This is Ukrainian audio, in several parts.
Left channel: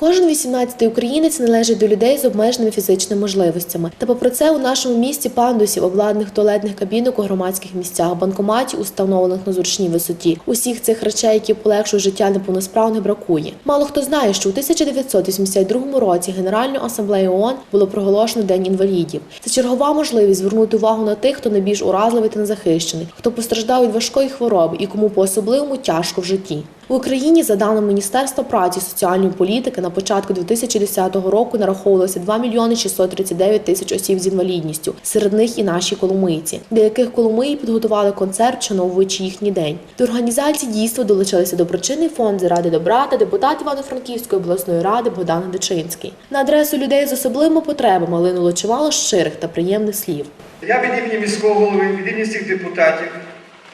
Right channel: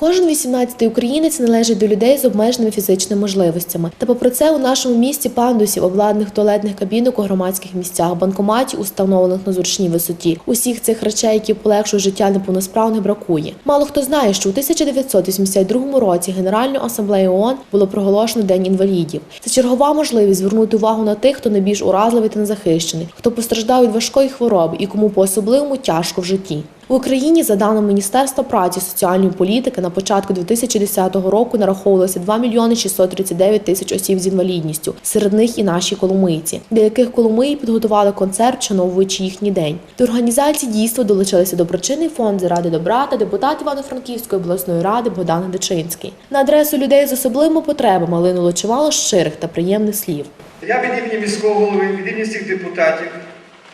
Кожен 18-й українець належить до людей з обмеженими фізичними можливостями. Та попри це у нашому місті пандусів, обладнаних туалетних кабінок у громадських місцях, банкоматів, установлених на зручній висоті. Усіх цих речей, які полегшують життя неповносправних, бракує. Мало хто знає, що у 1982 році Генеральною асамблеєю ООН було проголошено День інвалідів. Це чергова можливість звернути увагу на тих, хто найбільш уразливий та незахищений, хто постраждав від важкої хвороби і кому по особливому тяжко в житті. В Україні, за даними Міністерства праці соціальної політики, на початку 2010 року нараховувалося 2 мільйони 639 тисяч осіб з інвалідністю. Серед них і наші коломийці, для яких коломиї підготували концерт, вшановуючи їхній день. До організації дійства долучилися доброчинний фонд заради добра та депутат Івано-Франківської обласної ради Богдан Дичинський. На адресу людей з особливими потребами линуло чимало щирих та приємних слів. Я від імені міського голови, від імені всіх депутатів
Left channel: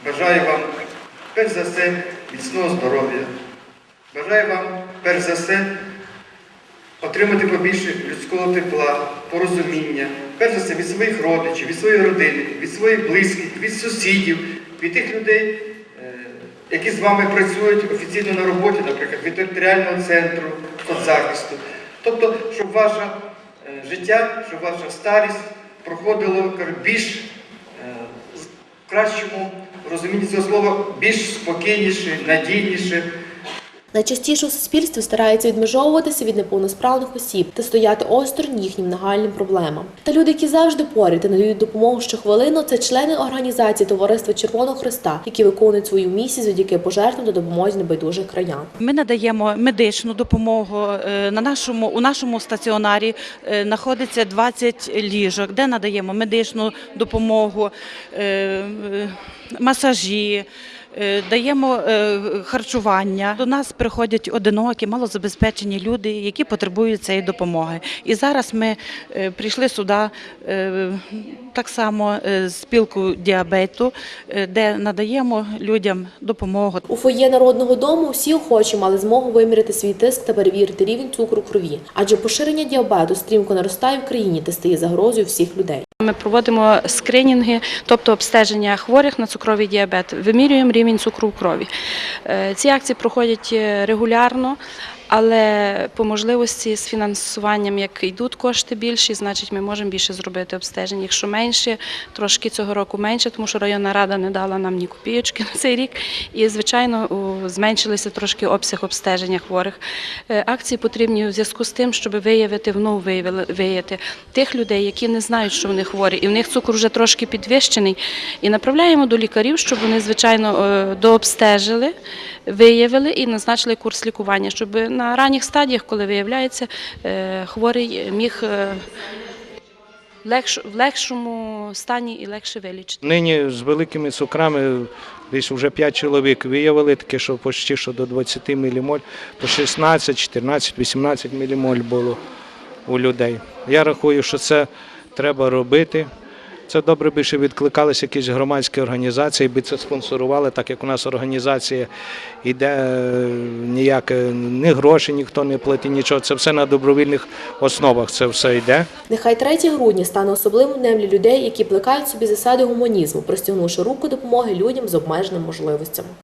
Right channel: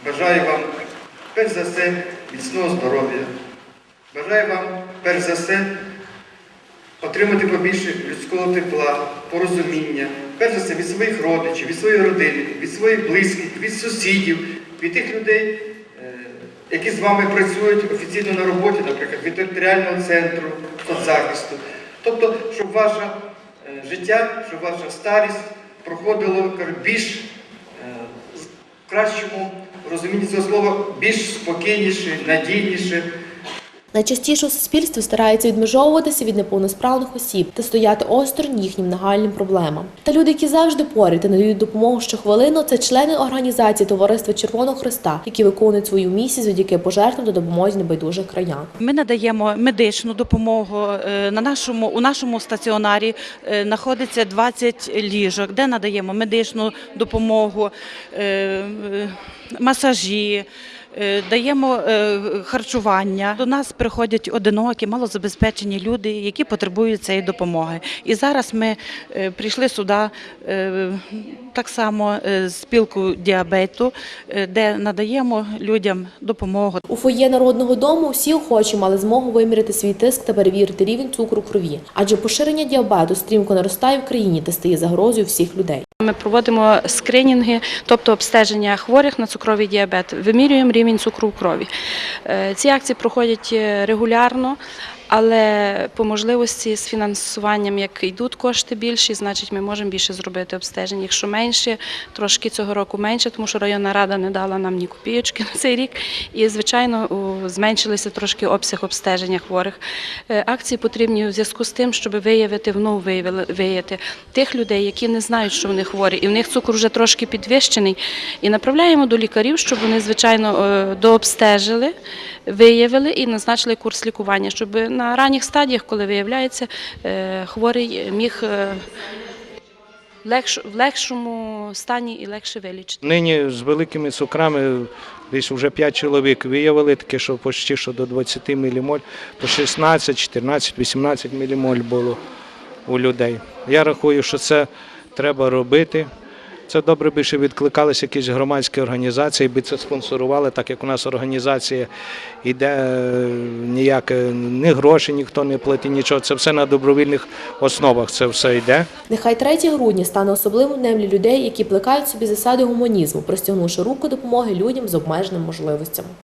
бажаю вам перш за все міцного здоров'я. Бажаю вам перш за все отримати побільше людського тепла, порозуміння, перш за все від своїх родичів, від своєї родини, від своїх близьких, від сусідів, від тих людей, е, які з вами працюють офіційно на роботі, наприклад, від територіального центру соцзахисту. Тобто, щоб ваше е, життя, щоб ваша старість проходило більш е, в кращому розумінні цього слова, більш спокійніше, надійніше. Найчастіше у суспільстві стараються відмежовуватися від неповносправних осіб та стояти осторонь їхнім нагальним проблемам. Та люди, які завжди поряд і надають допомогу щохвилину, це члени організації Товариства Червоного Христа, які виконують свою місію завдяки пожертвам та допомозі небайдужих краян. Ми надаємо медичну допомогу. Е, На нашому у нашому стаціонарі е, знаходиться 20 ліжок, де надаємо медичну допомогу, е, масажі. Е, Даємо е, харчування. До нас приходять одинокі, малозабезпечені люди, які потребують цієї допомоги. І зараз ми е, прийшли сюди так само спілку діабету, де надаємо людям допомогу. У фоє народного дому всі охочі мали змогу виміряти свій тиск та перевірити рівень цукру крові, адже поширення діабету стрімко наростає в країні та стає загрозою всіх людей. Ми проводимо скринінги, тобто обстеження хворих на цукровий діабет, вимірюємо рівень цукру в крові. Е, Ці акції проходять е, регулярно, але по можливості з фінансуванням, як йдуть кошти більші, значить ми можемо більше зробити обстежень. Якщо менше, трошки цього року менше, тому що районна рада не дала нам ні копійочки на цей рік. І, звичайно, зменшилися трошки обсяг обстеження хворих. Е, Акції потрібні у зв'язку з тим, щоб виявити вновь виявити тих людей, які не знають, що вони хворі, і в них цукор вже трошки підвищений. І направляємо до лікарів, щоб вони, звичайно, е, дообстежили, виявили і назначили курс лікування, щоб на ранніх стадіях, коли виявляється, е, хворий міг е, в легшому стані і легше вилічити. Нині з великими цукрами десь вже 5 чоловік виявили таке, що почти що до 20 мілімоль, по 16, 14, 18 мілімоль було у людей. Я рахую, що це треба робити. Це добре би ще відкликалися якісь громадські організації, би це спонсорували, так як у нас організація йде ніяк ніяке, ні гроші ніхто не платить, нічого. Це все на добровільних основах. Це все йде. Нехай 3 грудня стане особливим днем для людей, які плекають собі засади гуманізму, простягнувши руку допомоги людям з обмеженими можливостями.